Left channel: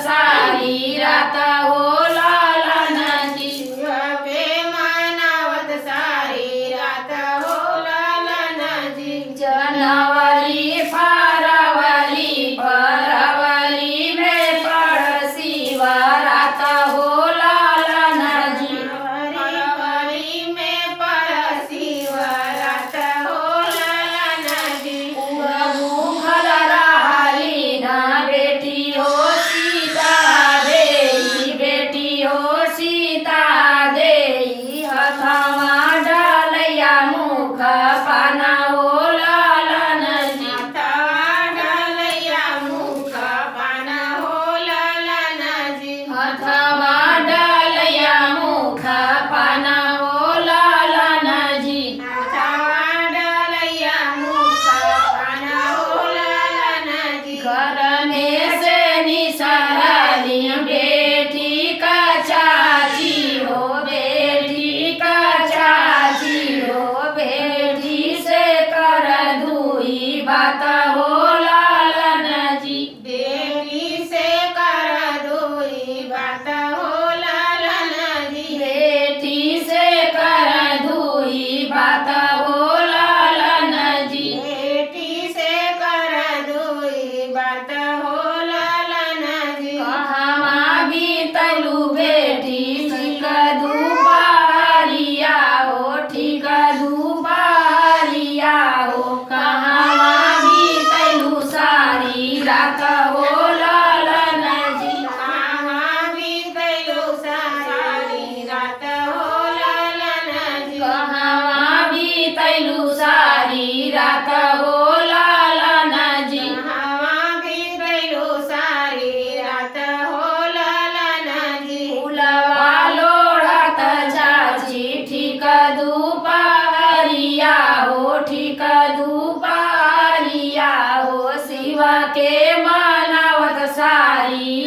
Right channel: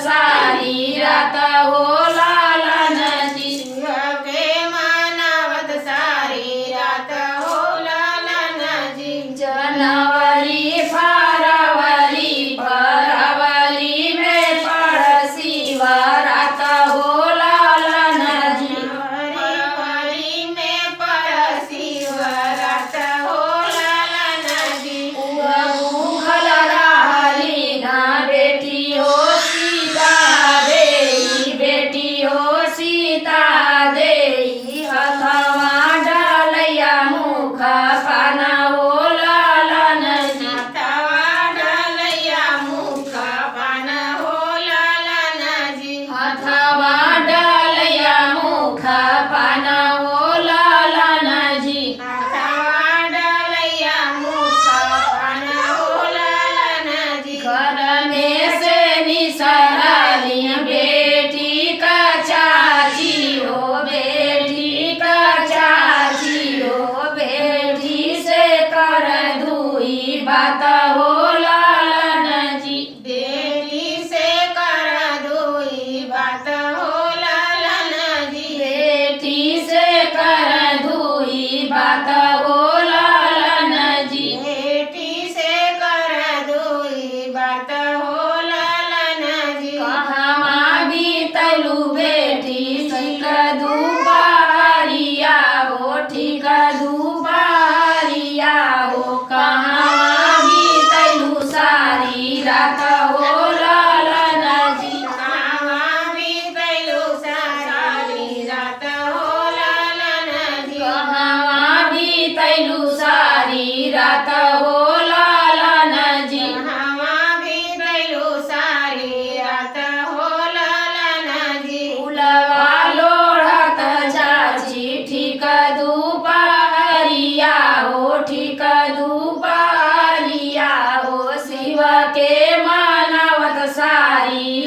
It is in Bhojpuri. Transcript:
सारी रात हो लालनजी। शिव के मनावत सारी रात हो लालनजी। जनवरी फरवरी फरवरी में पड़ शिवरात हो लालनजी। फरवरी में पड़ शिवरात हो लालनजी। भूखल रहली ना बेटी हो सीता देई, बेटी हो सीता देई। हथवा डालैया मुख पाना हो लालनजी। हथवा डालैया मुख पाना हो लालनजी। हथवा डालैया मुख पाना हो लालनजी। हथवा डालैया मुख पाना हो लालनजी। घर में से निसरली बेटी का चाची हो, बेटी का चाची हो। बेटी से कर दुई बात हो लालनजी। बेटी से कर दुई बात हो लालनजी। बेटी से कर दुई बात हो लालनजी। बेटी से कर दुई बात हो लालनजी। कहवा बीतलू बेटी ठीक दुपहरिया हो, ठीक दुपहरिया हो। कहवा बीतलू सारी रात हो लालनजी। कहाँ बीतैलू सारी रात हो लालनजी। कहवा बीतलू सारी रात हो लालनजी। कहाँ बीतैलू सारी रात हो लालनजी। फूलवा लोढ़त चाची ठीक दुपहरिया हो, ठीक दुपहरिया हो। शिव के मनावत सारी